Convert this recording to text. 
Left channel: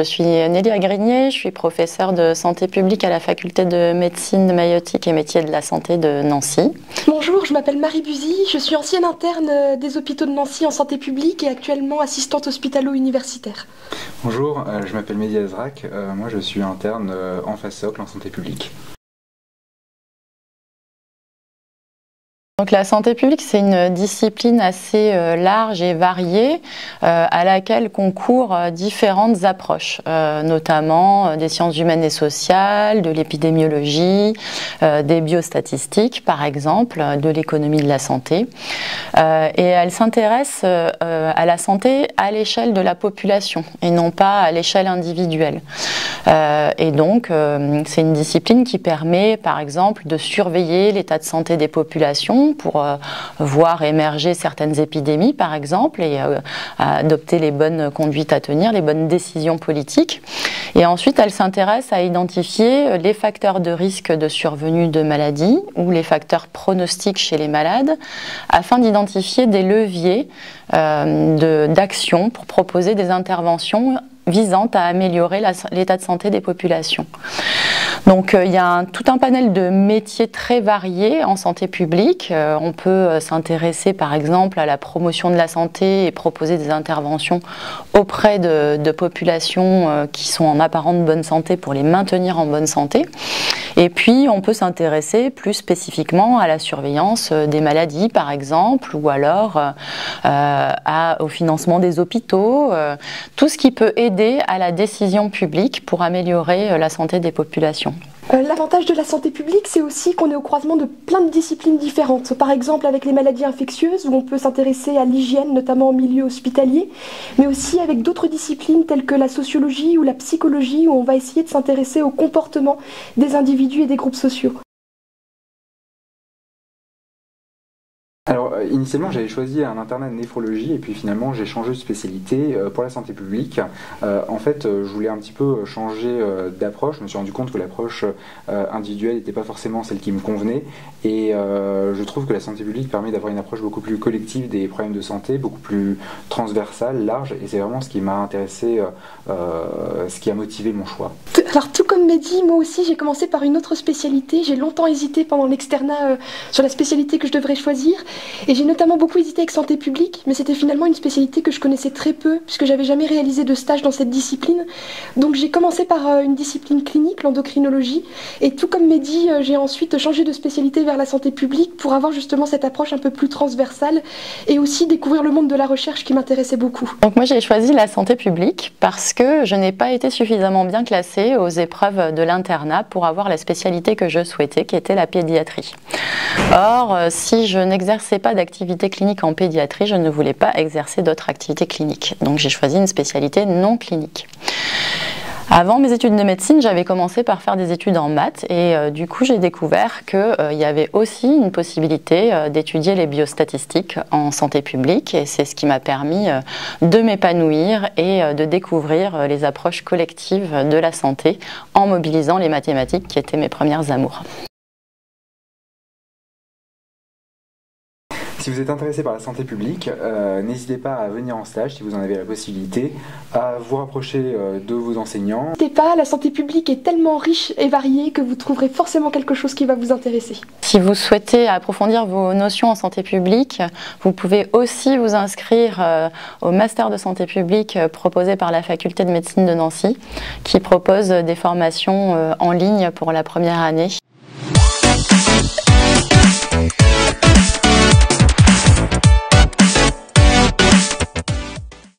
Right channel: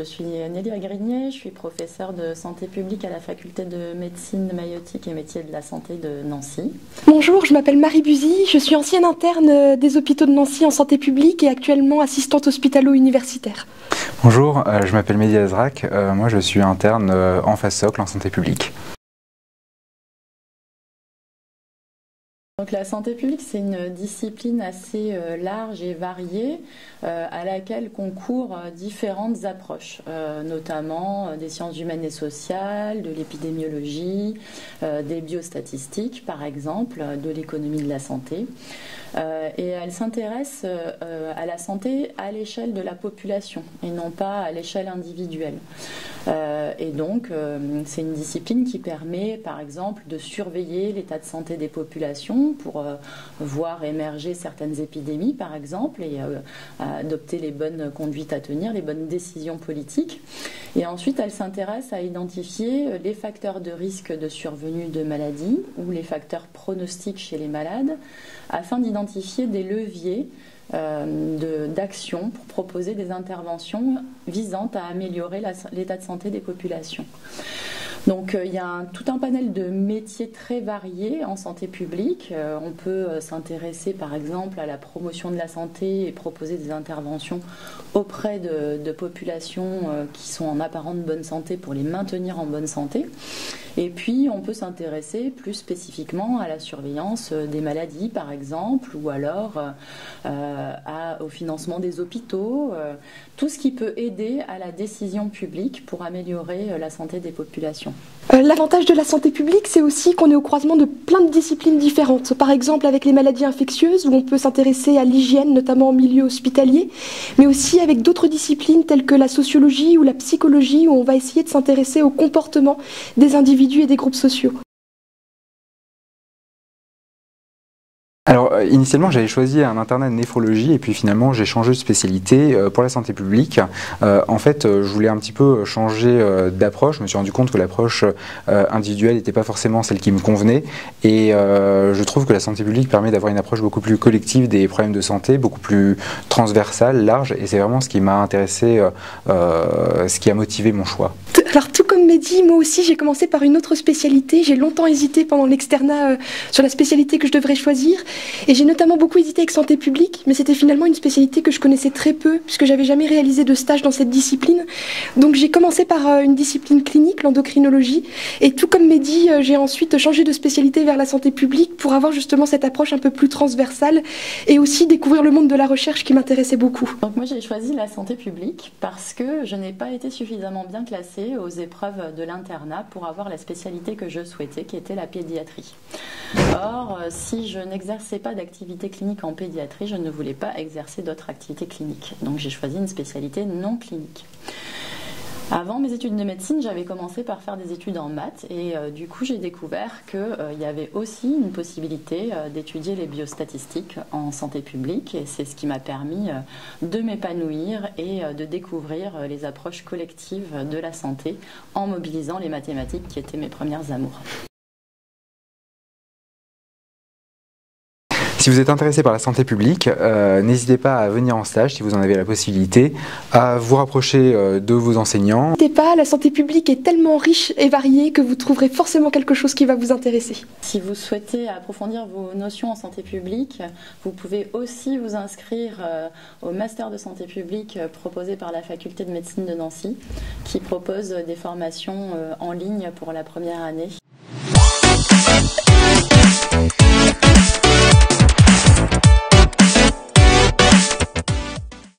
Je suis Nélia Grignier, je suis professeure de santé publique à la faculté de médecine, maïeutique et métiers de la santé de Nancy. Bonjour, je m'appelle Marie Buzy, je suis ancienne interne des hôpitaux de Nancy en santé publique et actuellement assistante hospitalo-universitaire. Bonjour, je m'appelle Mehdi Azrak, moi je suis interne en phase socle en santé publique. Donc la santé publique, c'est une discipline assez large et variée à laquelle concourent différentes approches, notamment des sciences humaines et sociales, de l'épidémiologie, des biostatistiques par exemple, de l'économie de la santé. Et elle s'intéresse à la santé à l'échelle de la population et non pas à l'échelle individuelle. Et donc c'est une discipline qui permet par exemple de surveiller l'état de santé des populations pour voir émerger certaines épidémies par exemple et adopter les bonnes conduites à tenir, les bonnes décisions politiques. Et ensuite elle s'intéresse à identifier les facteurs de risque de survenue de maladies ou les facteurs pronostiques chez les malades afin d'identifier des leviers d'action pour proposer des interventions visant à améliorer l'état de santé des populations. Donc il y a tout un panel de métiers très variés en santé publique. On peut s'intéresser par exemple à la promotion de la santé et proposer des interventions auprès de populations qui sont en apparente bonne santé pour les maintenir en bonne santé. Et puis on peut s'intéresser plus spécifiquement à la surveillance des maladies par exemple, ou alors au financement des hôpitaux, tout ce qui peut aider à la décision publique pour améliorer la santé des populations. L'avantage de la santé publique, c'est aussi qu'on est au croisement de plein de disciplines différentes. Par exemple, avec les maladies infectieuses, où on peut s'intéresser à l'hygiène, notamment en milieu hospitalier, mais aussi avec d'autres disciplines telles que la sociologie ou la psychologie, où on va essayer de s'intéresser au comportement des individus et des groupes sociaux. Alors initialement j'avais choisi un internat de néphrologie et puis finalement j'ai changé de spécialité pour la santé publique. En fait je voulais un petit peu changer d'approche, je me suis rendu compte que l'approche individuelle n'était pas forcément celle qui me convenait et je trouve que la santé publique permet d'avoir une approche beaucoup plus collective des problèmes de santé, beaucoup plus transversale, large, et c'est vraiment ce qui m'a intéressé, ce qui a motivé mon choix. Alors tout comme Mehdi, moi aussi j'ai commencé par une autre spécialité, j'ai longtemps hésité pendant l'externat sur la spécialité que je devrais choisir. Et j'ai notamment beaucoup hésité avec santé publique, mais c'était finalement une spécialité que je connaissais très peu, puisque j'avais jamais réalisé de stage dans cette discipline. Donc j'ai commencé par une discipline clinique, l'endocrinologie, et tout comme Mehdi, j'ai ensuite changé de spécialité vers la santé publique pour avoir justement cette approche un peu plus transversale, et aussi découvrir le monde de la recherche qui m'intéressait beaucoup. Donc moi j'ai choisi la santé publique parce que je n'ai pas été suffisamment bien classée aux épreuves de l'internat pour avoir la spécialité que je souhaitais, qui était la pédiatrie. Or, si je n'exerçais pas d'activité clinique en pédiatrie, je ne voulais pas exercer d'autres activités cliniques. Donc j'ai choisi une spécialité non clinique. Avant mes études de médecine, j'avais commencé par faire des études en maths et du coup j'ai découvert qu'il y avait aussi une possibilité d'étudier les biostatistiques en santé publique, et c'est ce qui m'a permis de m'épanouir et de découvrir les approches collectives de la santé en mobilisant les mathématiques qui étaient mes premières amours. Si vous êtes intéressé par la santé publique, n'hésitez pas à venir en stage si vous en avez la possibilité, à vous rapprocher de vos enseignants. N'hésitez pas, la santé publique est tellement riche et variée que vous trouverez forcément quelque chose qui va vous intéresser. Si vous souhaitez approfondir vos notions en santé publique, vous pouvez aussi vous inscrire au master de santé publique proposé par la faculté de médecine de Nancy, qui propose des formations en ligne pour la première année.